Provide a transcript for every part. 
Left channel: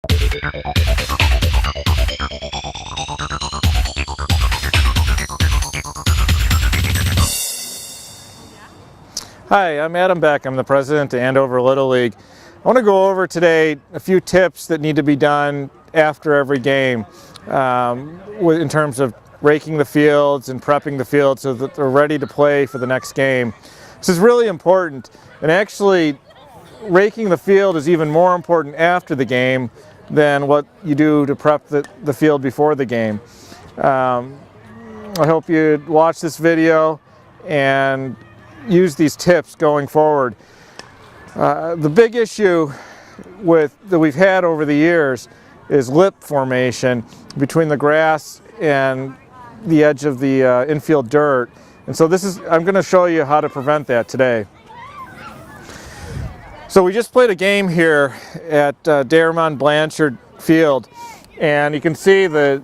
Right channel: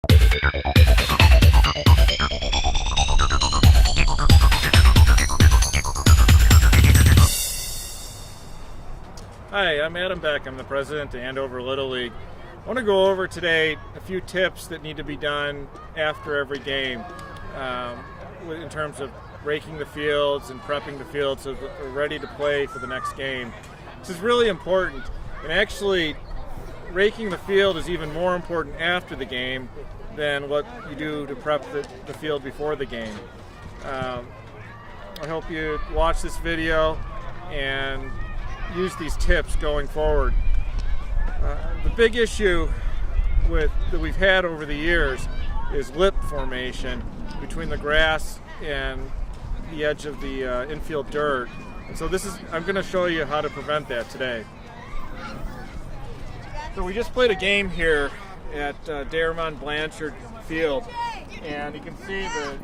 Hi, I'm Adam Beck. I'm the president of Andover Little League. I want to go over today a few tips that need to be done after every game in terms of raking the fields and prepping the field so that they're ready to play for the next game. This is really important, and actually raking the field is even more important after the game than what you do to prep the field before the game. I hope you watch this video and use these tips going forward. The big issue that we've had over the years is lip formation between the grass and the edge of the infield dirt, and so I'm going to show you how to prevent that today. So we just played a game here at Daremont Blanchard Field, and you can see the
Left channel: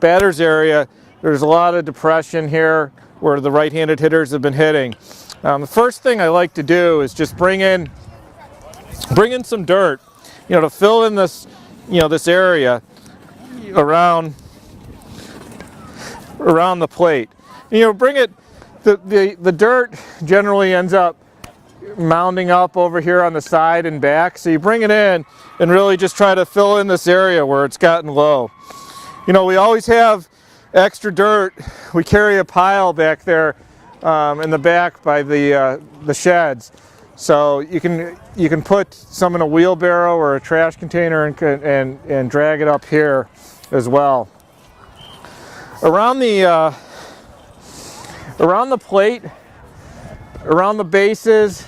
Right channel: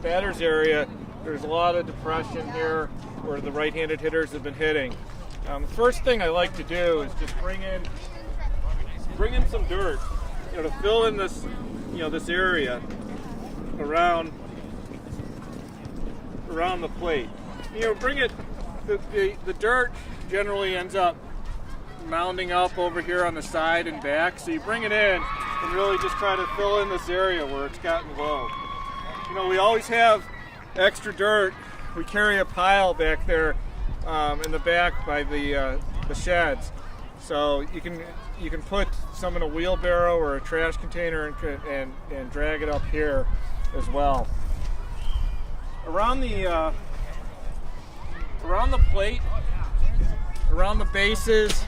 batter's area. There's a lot of depression here where the right-handed hitters have been hitting. The first thing I like to do is just bring in some dirt, to fill in this, this area around the plate. Bring it. The dirt generally ends up mounding up over here on the side and back, so you bring it in and really just try to fill in this area where it's gotten low. We always have extra dirt. We carry a pile back there in the back by the sheds, so you can put some in a wheelbarrow or a trash container and drag it up here as well. Around the plate, around the bases,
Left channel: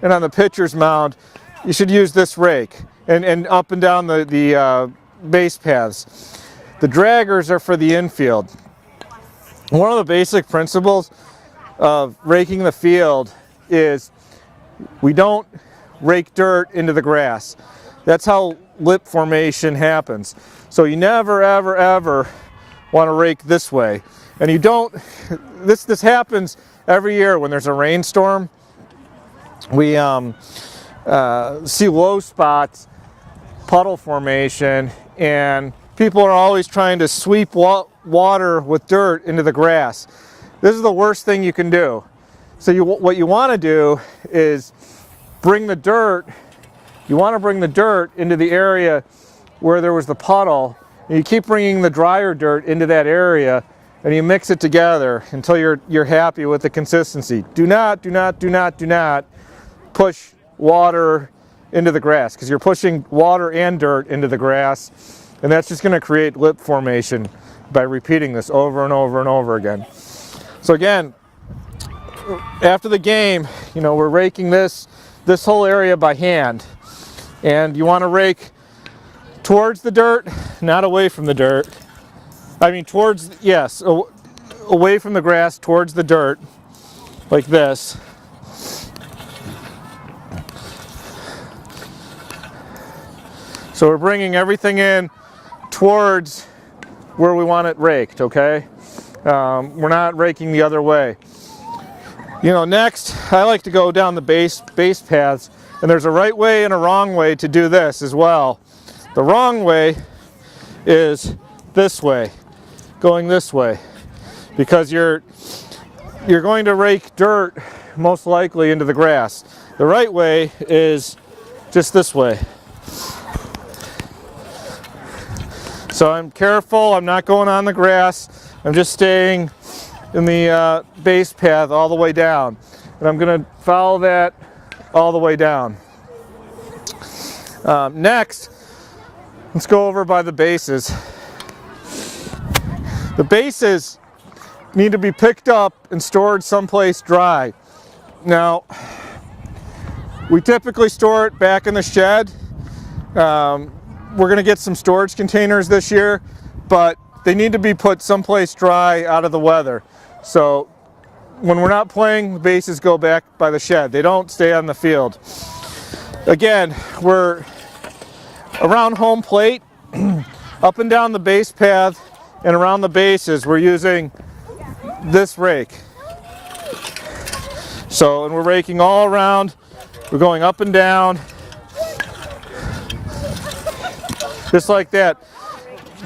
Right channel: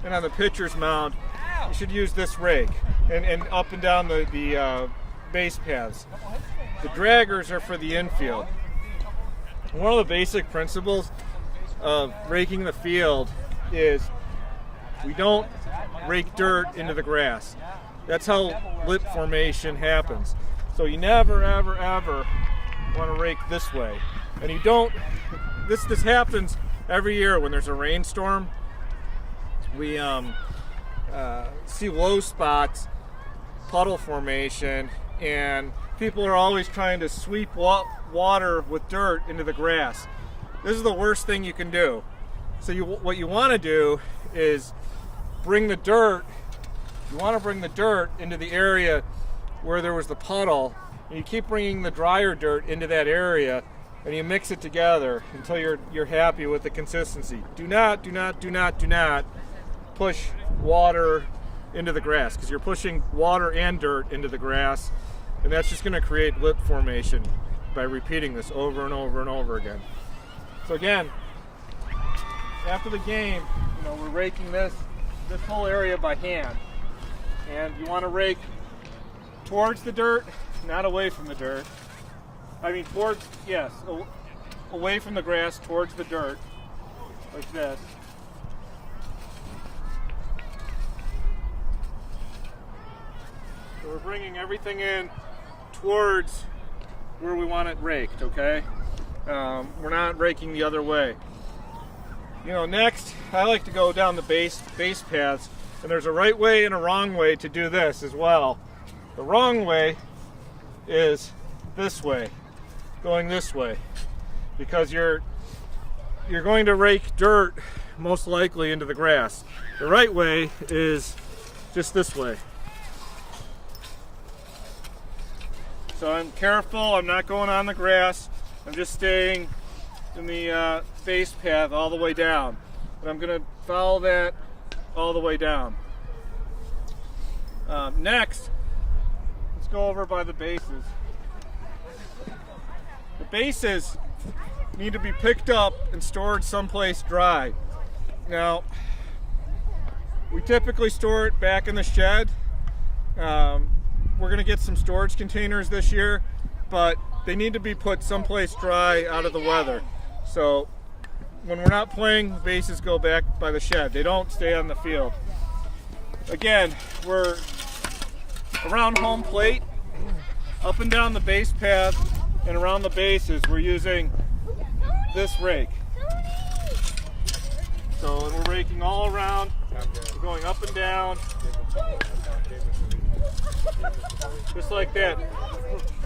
and on the pitcher's mound, you should use this rake, and up and down the base paths. The draggers are for the infield. One of the basic principles of raking the field is we don't rake dirt into the grass. That's how lip formation happens. So you never, ever, ever want to rake this way. And you don't, this happens every year when there's a rainstorm. We see low spots, puddle formation, and people are always trying to sweep water with dirt into the grass. This is the worst thing you can do. So what you want to do is bring the dirt. You want to bring the dirt into the area where there was the puddle. And you keep bringing the drier dirt into that area, and you mix it together until you're happy with the consistency. Do not push water into the grass, because you're pushing water and dirt into the grass, and that's just going to create lip formation by repeating this over and over and over again. So again, after the game, we're raking this whole area by hand, and you want to rake towards the dirt, not away from the dirt. I mean away from the grass towards the dirt, like this. So we're bringing everything in towards where we want it raked, okay? We're not raking the other way. Next, I like to go down the base paths, and there's a right way and a wrong way to do this as well. The wrong way is this way, going this way, because you're going to rake dirt most likely into the grass. The right way is just this way. So I'm careful, I'm not going on the grass, I'm just staying in the base path all the way down. And I'm going to follow that all the way down. Next, let's go over by the bases. The bases need to be picked up and stored someplace dry. Now, we typically store it back in the shed. We're going to get some storage containers this year, but they need to be put someplace dry out of the weather. So when we're not playing, the bases go back by the shed. They don't stay on the field. Again, we're around home plate, up and down the base path, and around the bases, we're using this rake. So, and we're raking all around. We're going up and down. just like that.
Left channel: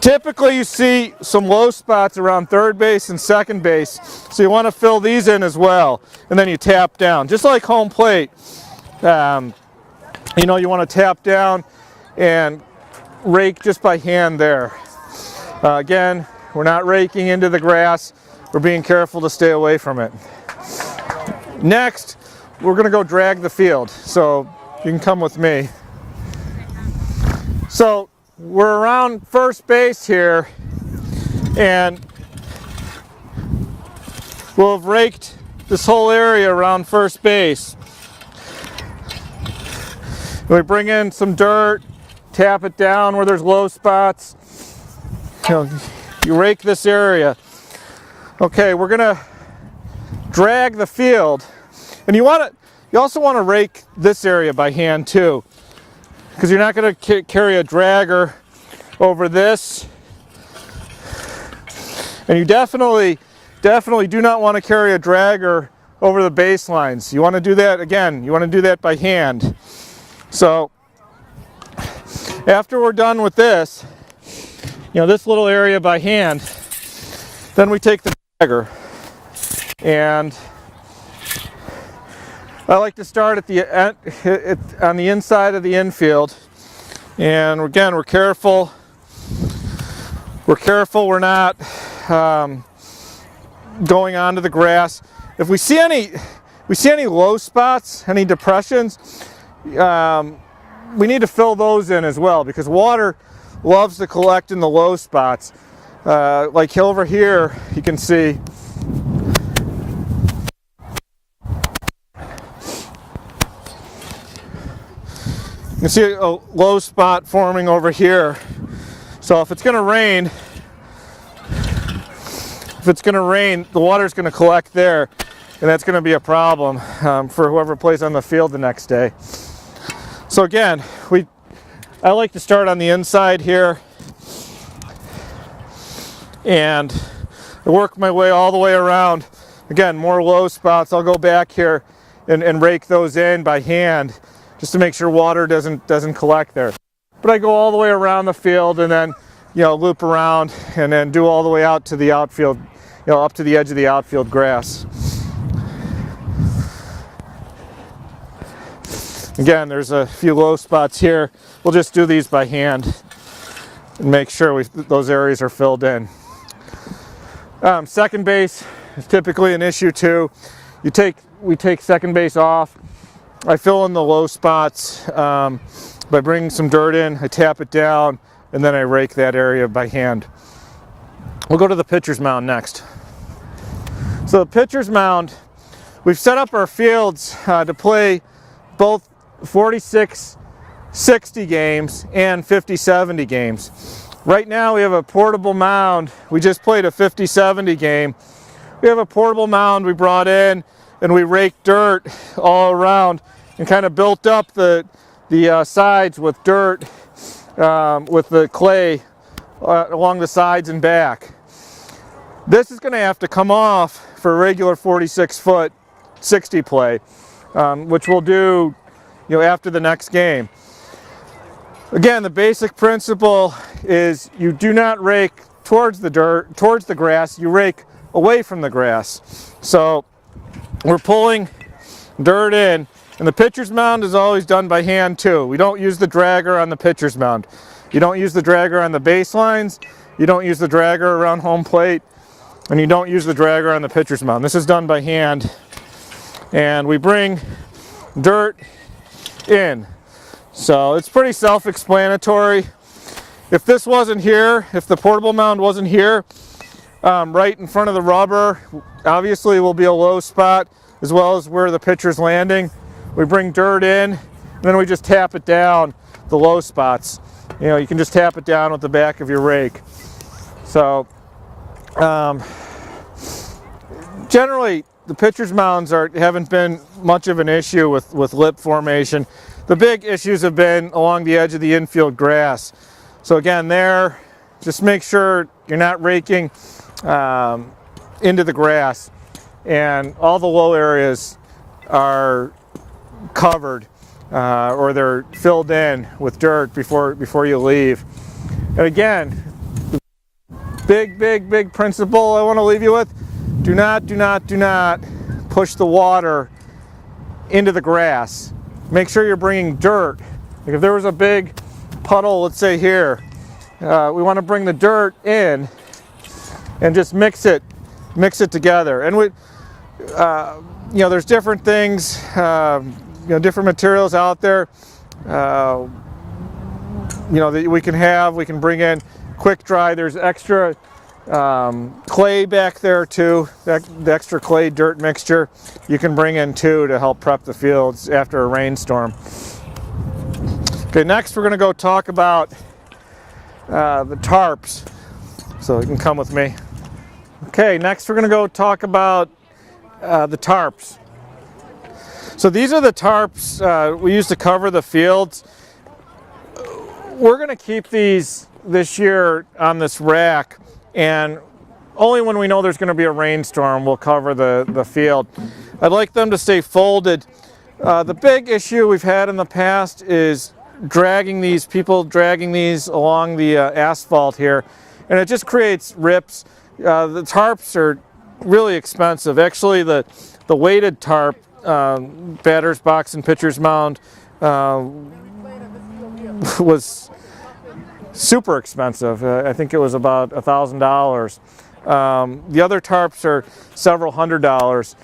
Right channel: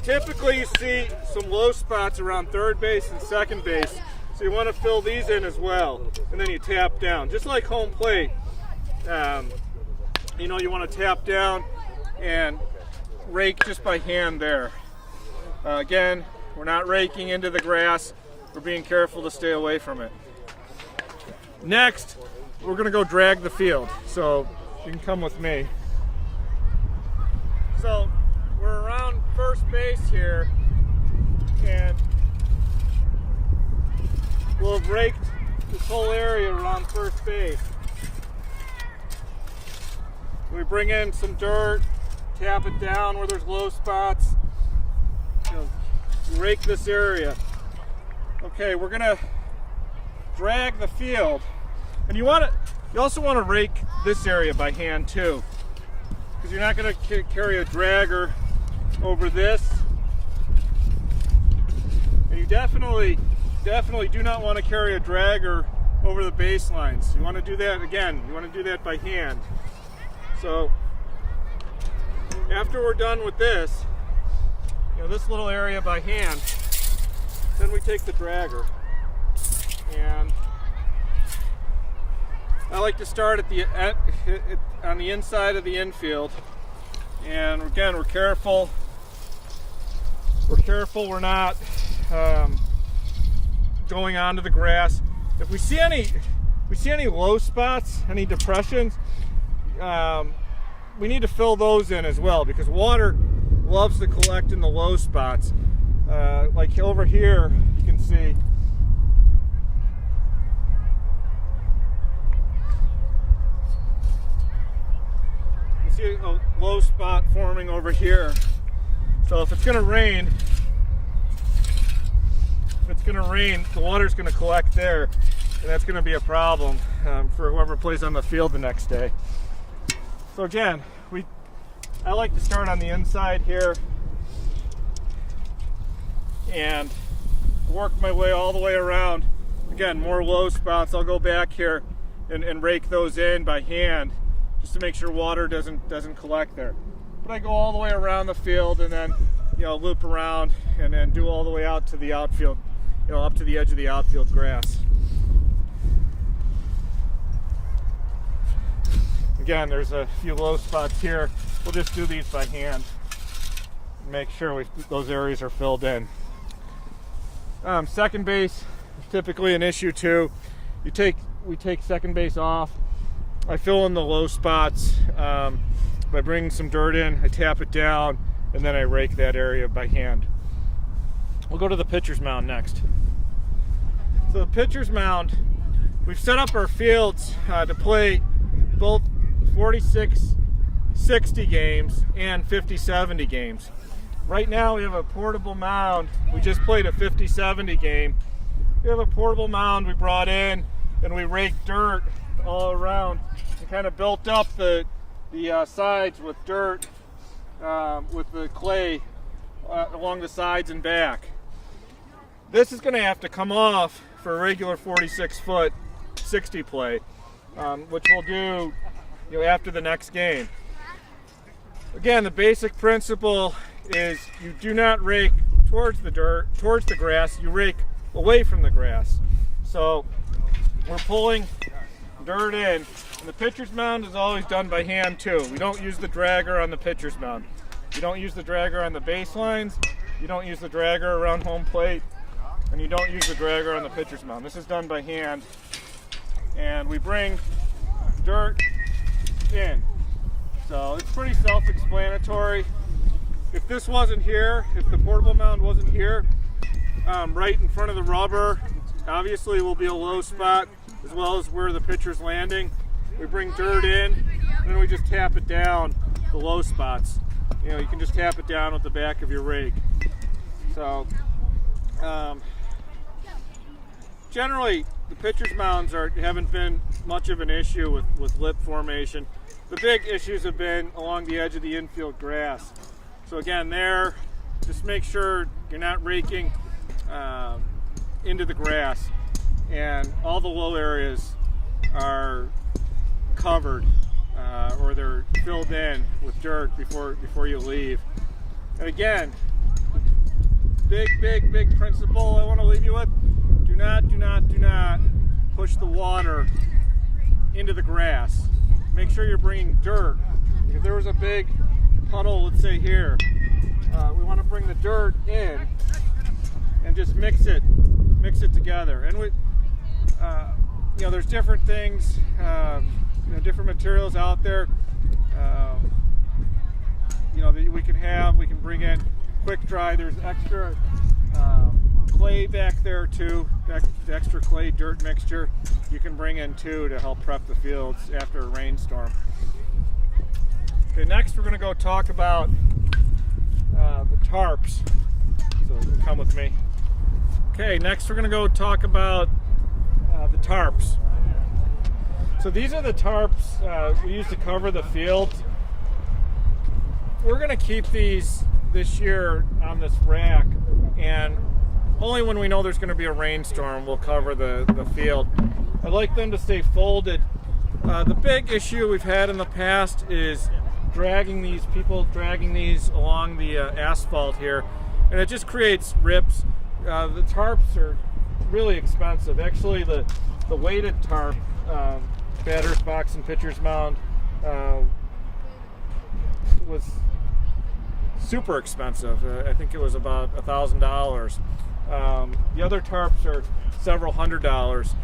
Typically you see some low spots around third base and second base, so you want to fill these in as well, and then you tap down, just like home plate. You know, you want to tap down and rake just by hand there. Again, we're not raking into the grass, we're being careful to stay away from it. Next, we're going to go drag the field, so you can come with me. So we're around first base here, and we'll have raked this whole area around first base. We bring in some dirt, tap it down where there's low spots. You rake this area. Okay, we're gonna drag the field, and you also want to rake this area by hand too, because you're not going to carry a dragger over this, and you definitely do not want to carry a dragger over the baselines. You want to do that again. You want to do that by hand. So after we're done with this, this little area by hand, then we take the dragger, and I like to start on the inside of the infield, and again, we're careful. We're not going onto the grass. If we see any low spots, any depressions, we need to fill those in as well, because water loves to collect in the low spots. Like over here, you can see a low spot forming over here. So if it's going to rain, the water's going to collect there, and that's going to be a problem for whoever plays on the field the next day. So again, I like to start on the inside here, and I work my way all the way around. Again, more low spots. I'll go back here and rake those in by hand, just to make sure water doesn't collect there. But I go all the way around the field, and then loop around, and then do all the way out to the outfield, up to the edge of the outfield grass. Again, there's a few low spots here. We'll just do these by hand and make sure those areas are filled in. Second base is typically an issue too. We take second base off. I fill in the low spots by bringing some dirt in. I tap it down, and then I rake that area by hand. We'll go to the pitcher's mound next. So the pitcher's mound, we've set up our fields to play both 46-60 games and 50-70 games. Right now we have a portable mound. We just played a 50-70 game. We have a portable mound we brought in, and we raked dirt all around and kind of built up the sides with dirt, with the clay along the sides and back. This is going to have to come off for regular 46-foot 60 play, which we'll do after the next game. Again, the basic principle is you do not rake towards the grass, you rake away from the grass. So we're pulling dirt in, and the pitcher's mound is always done by hand too. We don't use the dragger on the pitcher's mound. You don't use the dragger on the baselines, you don't use the dragger around home plate, and you don't use the dragger on the pitcher's mound. This is done by hand, and we bring dirt in. So it's pretty self-explanatory. If this wasn't here, if the portable mound wasn't here, right in front of the rubber, obviously will be a low spot, as well as where the pitcher's landing. We bring dirt in, and then we just tap it down the low spots. You can just tap it down with the back of your rake. So generally the pitcher's mounds haven't been much of an issue with lip formation. The big issues have been along the edge of the infield grass. So again, there, just make sure you're not raking into the grass, and all the low areas are covered or they're filled in with dirt before you leave. And again, big principle I want to leave you with: do not push the water into the grass. Make sure you're bringing dirt. Like if there was a big puddle, let's say here, we want to bring the dirt in and just mix it together. And we, there's different things, different materials out there, that we can bring in quick dry. There's extra clay back there too, the extra clay dirt mixture you can bring in too to help prep the fields after a rainstorm. Okay, next we're going to go talk about the tarps. So you can come with me. Okay, next we're going to go talk about the tarps. So these are the tarps we use to cover the fields. We're going to keep these this year on this rack, and only when we know there's going to be a rainstorm we'll cover the field. I'd like them to stay folded. The big issue we've had in the past is dragging these along the asphalt here, and it just creates rips. The tarps are really expensive. Actually, the weighted tarp, batter's box and pitcher's mound, was super expensive. I think it was about $1,000. The other tarps are several $100s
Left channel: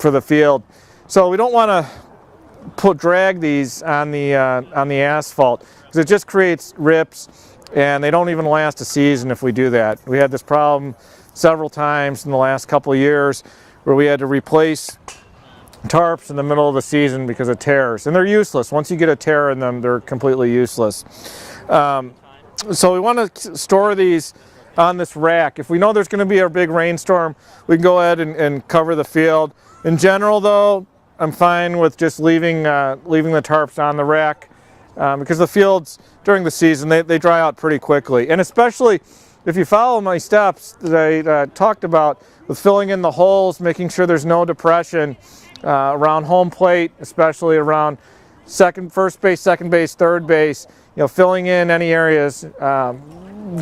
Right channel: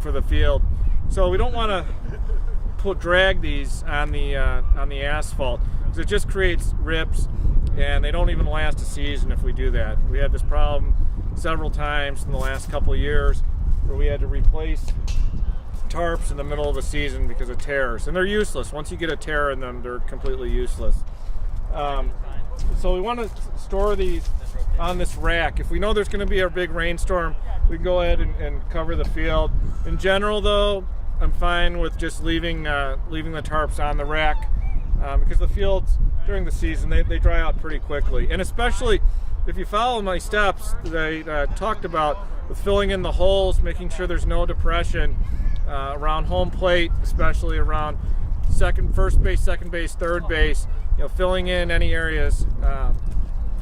for the field. So we don't want to drag these on the asphalt, because it just creates rips, and they don't even last a season if we do that. We had this problem several times in the last couple of years where we had to replace tarps in the middle of the season because of tears, and they're useless. Once you get a tear in them, they're completely useless. So we want to store these on this rack. If we know there's going to be a big rainstorm, we can go ahead and cover the field. In general, though, I'm fine with just leaving the tarps on the rack, because the fields during the season they dry out pretty quickly. And especially if you follow my steps that I talked about with filling in the holes, making sure there's no depression around home plate, especially around first base, second base, third base, filling in any areas.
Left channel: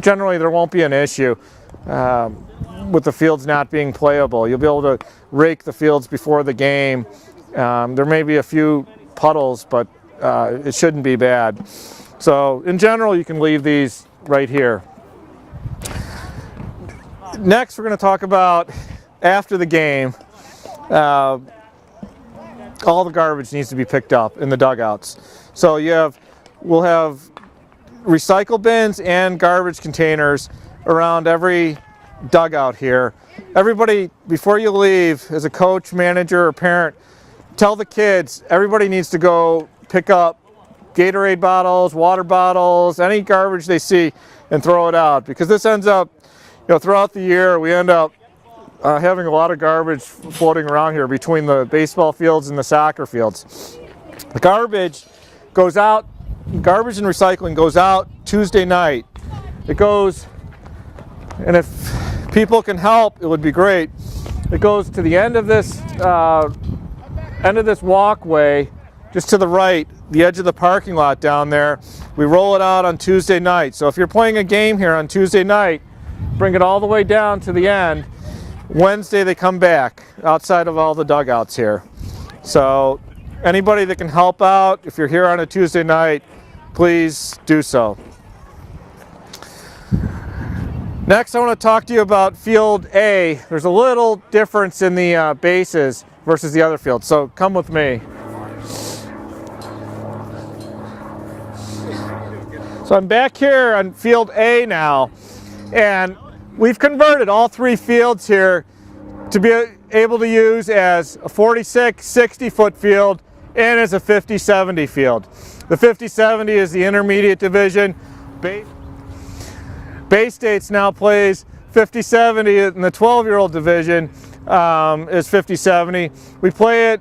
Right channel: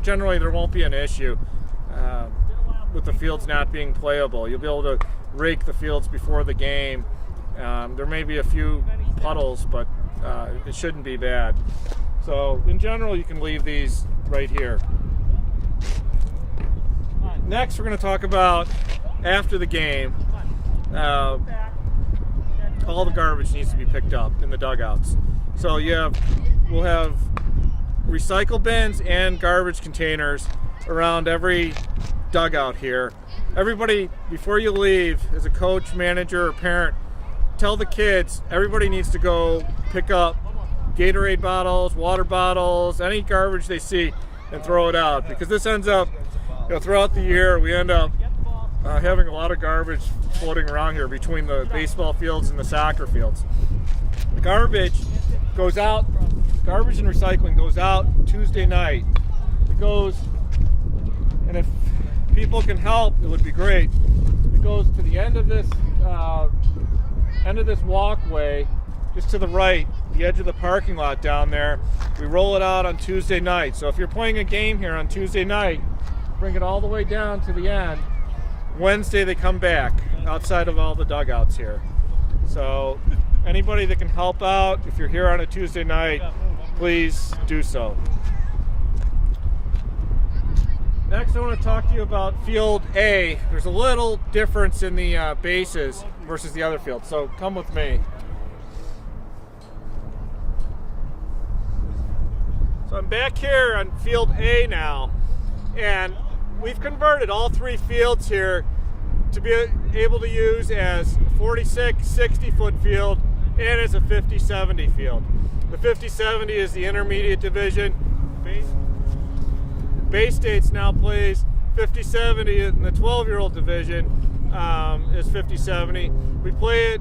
Generally there won't be an issue with the fields not being playable. You'll be able to rake the fields before the game. There may be a few puddles, but it shouldn't be bad. So in general, you can leave these right here. Next, we're going to talk about after the game. All the garbage needs to be picked up in the dugouts. So we'll have recycle bins and garbage containers around every dugout here. Everybody, before you leave, as a coach, manager, or parent, tell the kids everybody needs to go pick up Gatorade bottles, water bottles, any garbage they see, and throw it out, because this ends up, throughout the year we end up having a lot of garbage floating around here between the baseball fields and the soccer fields. The garbage goes out, garbage and recycling goes out Tuesday night. It goes, and if people can help, it would be great. It goes to the end of this walkway, just to the right, the edge of the parking lot down there. We roll it out on Tuesday night. So if you're playing a game here on Tuesday night, bring it all the way down to the end. Wednesday they come back outside of all the dugouts here. So anybody that can help out, if you're here on a Tuesday night, please do so. Next, I want to talk to you about Field A. There's a little difference in the bases versus the other fields, so come with me. So I'm back here on Field A now, and we've converted all three fields here to be able to use as a 46, 60-foot field and as a 50-70 field. The 50-70 is the intermediate division. Bay States now plays 50-70 in the 12-year-old division is 50-70. We play it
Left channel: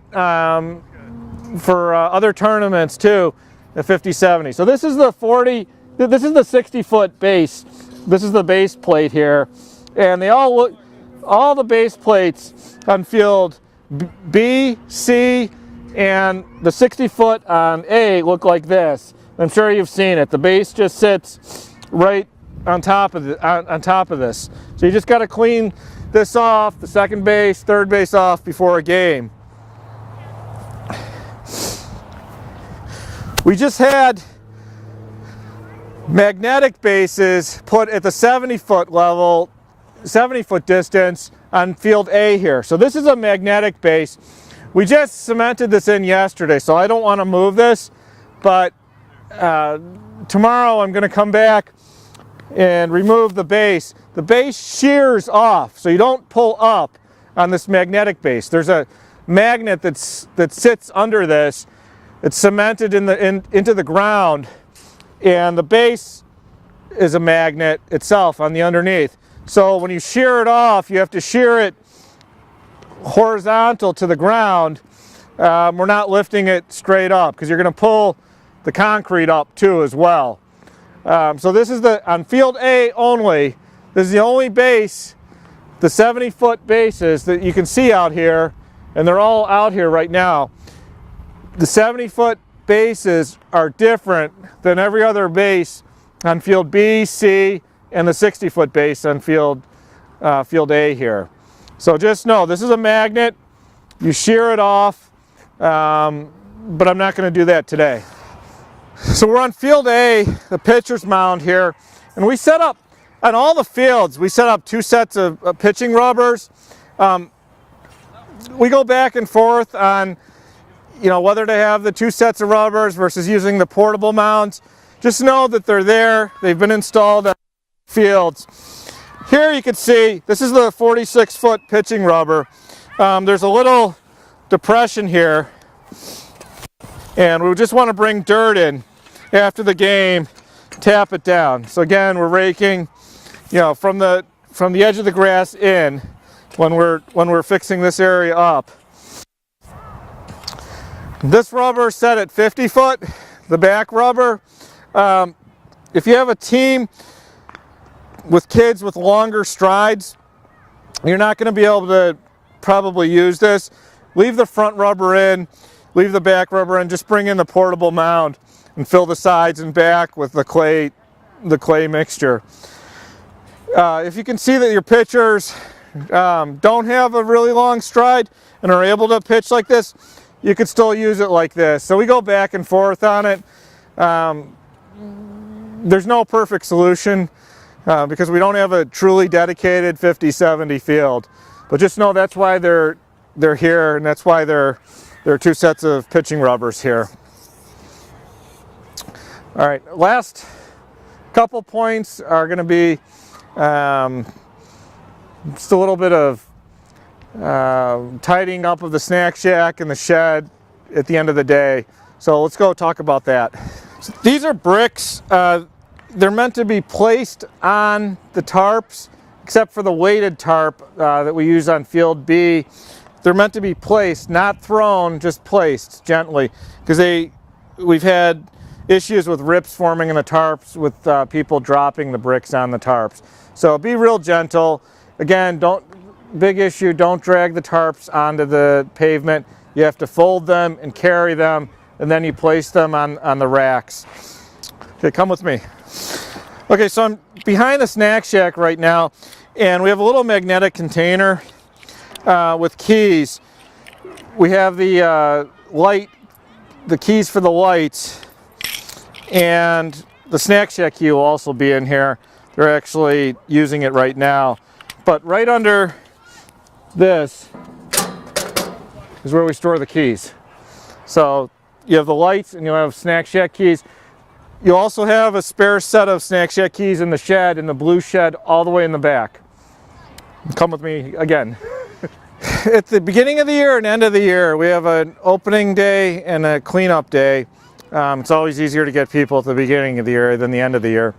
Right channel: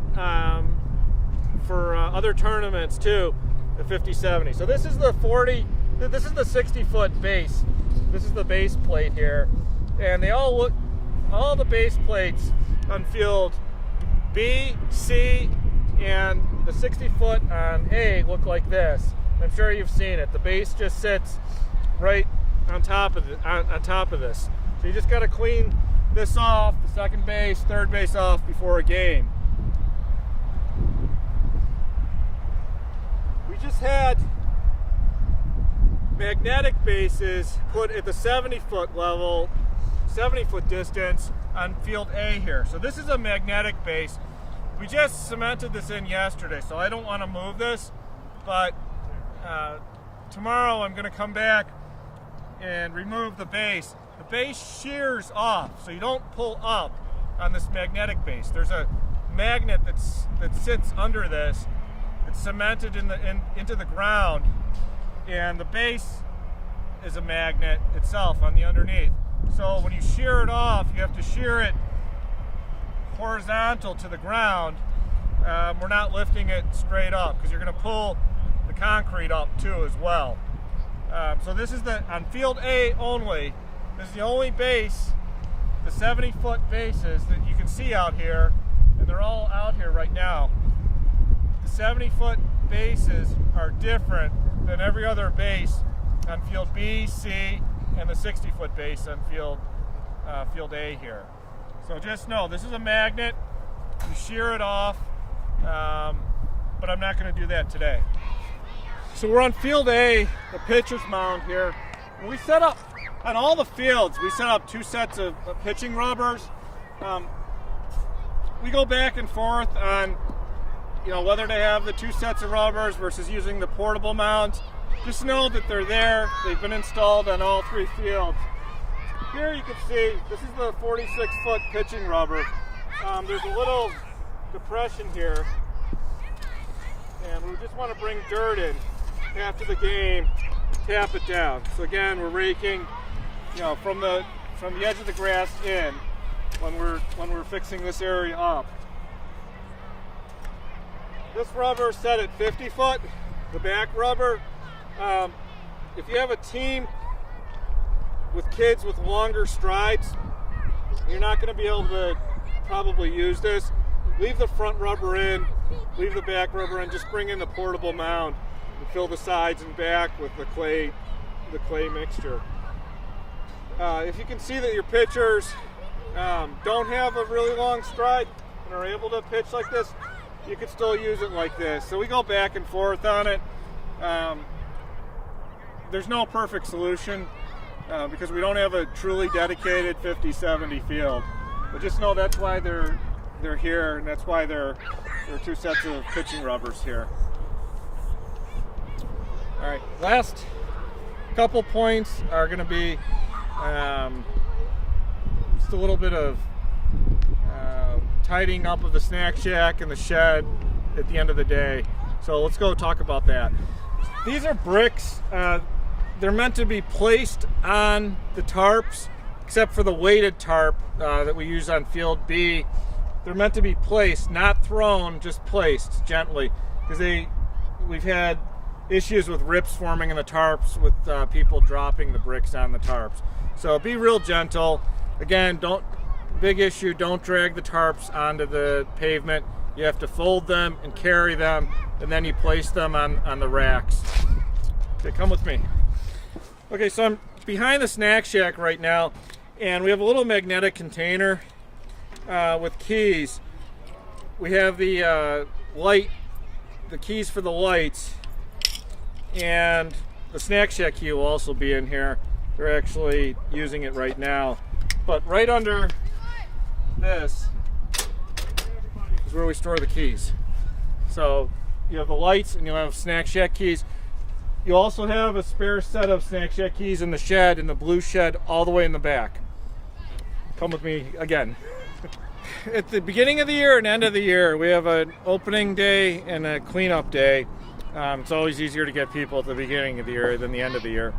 for other tournaments too at 50-70. So this is the 60-foot base. This is the base plate here, and they all look, all the base plates on field B, C, and the 60-foot on A look like this. I'm sure you've seen it. The base just sits right on top of this. So you just got to clean this off, the second base, third base off before a game. We just had magnetic bases put at the 70-foot level, 70-foot distance on field A here. So this is a magnetic base. We just cemented this in yesterday, so I don't want to move this, but tomorrow I'm going to come back and remove the base. The base shears off, so you don't pull up on this magnetic base. There's a magnet that sits under this. It's cemented into the ground, and the base is a magnet itself on the underneath. So when you shear it off, you have to shear it horizontal to the ground. We're not lifting it straight up because you're going to pull the concrete up too as well. So this is on field A only. This is the only base, the 70-foot bases that you can see out here, and they're all out here right now. The 70-foot bases are different than every other base on field B, C, and the 60-foot base on field A here. So just know this is a magnet. You shear it off, but I'm not going to do that today. So we're on field A, the pitcher's mound here, and we set up on all the fields. We set up 2 sets of pitching rubbers. We go back and forth on, whether to have the 2 sets of rubbers versus using the portable mounds. Just know that they're there. They've been installed on all 3 fields. Here you can see, this is the 46-foot pitching rubber. There's a little depression here, and we just want to bring dirt in after the game, tap it down. So again, we're raking, from the edge of the grass in when we're fixing this area up. This rubber is set at 50 foot, the back rubber. If you have a team with kids with longer strides, you're not going to be able to probably use this. Leave the front rubber in, leave the back rubber in, just bring in the portable mound and fill the sides and back with the clay mixture. If you can see that your pitchers don't have a really long stride and are able to pitch like this, you could still use it like this. So we go back and forth on it. There's no perfect solution because we don't have a truly dedicated 50-70 field. But just know that's why they're here, and that's why there are 2 sets of pitching rubbers here. All right, last couple points are going to be just a little bit of tidying up of the snack shack and the shed at the end of the day. So let's go talk about that. So these are bricks. They're meant to be placed on the tarps, except for the weighted tarp that we use on field B. They're meant to be placed, not thrown, just placed gently, because we've had issues with rips forming in the tarps with people dropping the bricks on the tarps. So be real gentle. Again, big issue, don't drag the tarps onto the pavement. You have to fold them and carry them, and then you place them on the racks. Okay, come with me. Okay, so I'm behind the snack shack right now, and we have a little magnetic container with keys. We have the the keys for the lights, and the snack shack key will also be in here. They're actually using it right now. But right under this is where we store the keys. So you have the lights and you'll have snack shack keys. You'll also have a spare set of snack shack keys in the shed, in the blue shed, all the way in the back. Come with me again. At the beginning of the year and end of the year, we have an opening day and a cleanup day. It's always easier to get people at the beginning of the year than the end of the year.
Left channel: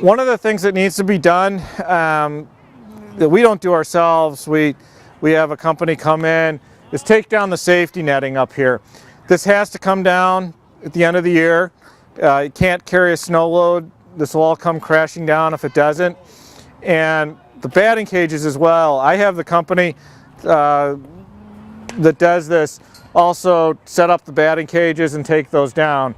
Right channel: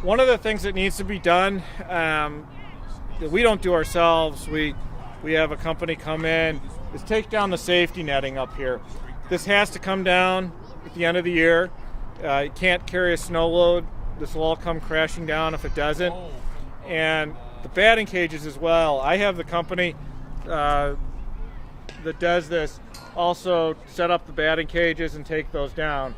One of the things that needs to be done that we don't do ourselves, we have a company come in, is take down the safety netting up here. This has to come down at the end of the year. You can't carry a snow load. This will all come crashing down if it doesn't. And the batting cages as well. I have the company that does this also set up the batting cages and take those down.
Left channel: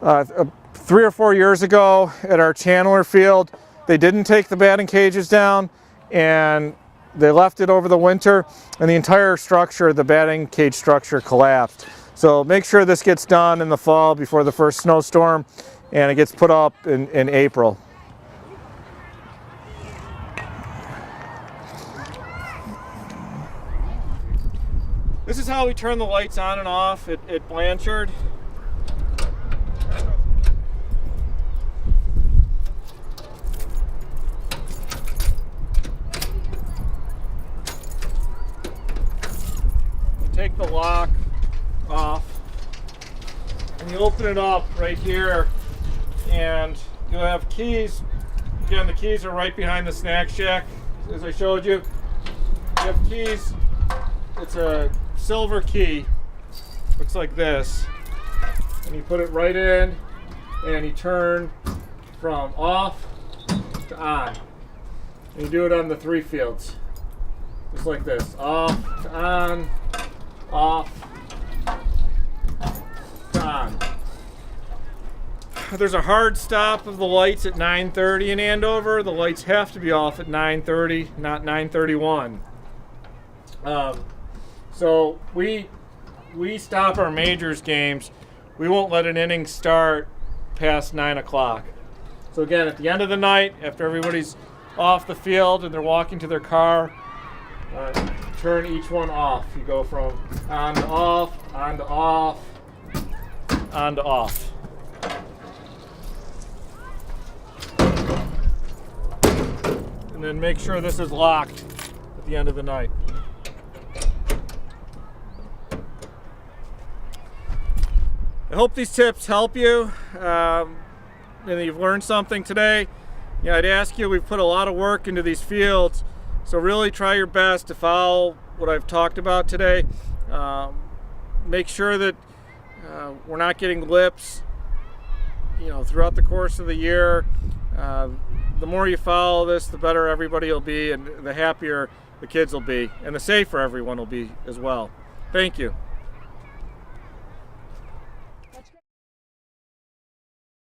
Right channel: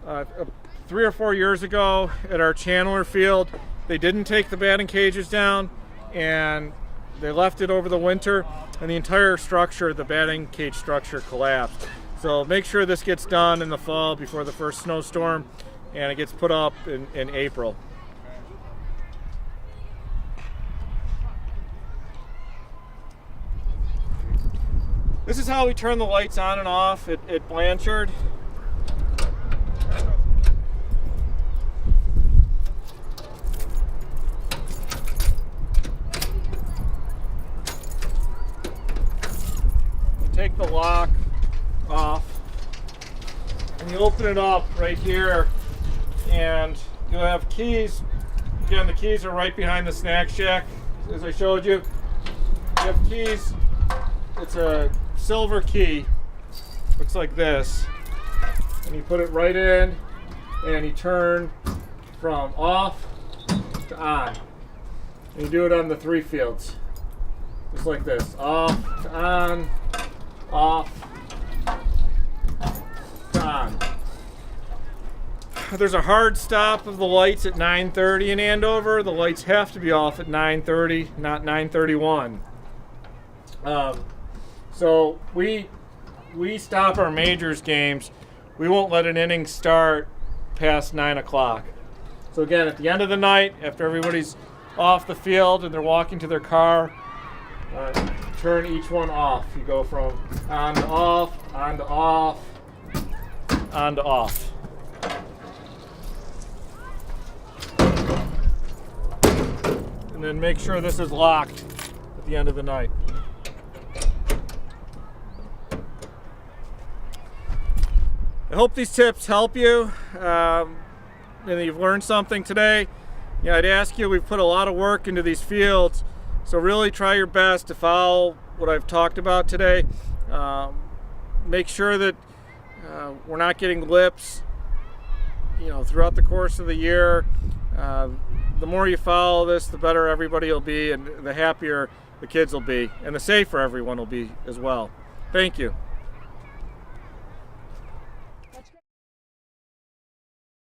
A 3 or 4 years ago at our Chandler field, they didn't take the batting cages down, and they left it over the winter, and the entire structure, the batting cage structure, collapsed. So make sure this gets done in the fall before the first snowstorm, and it gets put up in April. This is how we turn the lights on and off at Blanchard. Take the lock off, and you open it up right here, and you'll have keys. Again, the keys are right behind the snack shack, as I showed you. You have keys. It's a silver key, looks like this, and you put it right in, and you turn from off to on, and you do it on the 3 fields, just like this: off to on, off to on. There's a hard stop of the lights at 9:30 in Andover. The lights have to be off at 9:30, not 9:31. So we stop our majors games. We won't let an inning start past 9 o'clock. So again, at the end of the night, after everybody's off the field and they're walking to their car, turn each one off. You go from on to off, on to off, on to off. And then make sure this is locked at the end of the night. I hope these tips help you, and you've learned something today. I'd ask you, we've put a lot of work into these fields, so really try your best to follow what I've talked about today. Make sure that we're not getting lips, throughout the course of the year. The more you follow this, the better everybody will be, and the happier the kids will be, and the safer everyone will be as well. Thank you.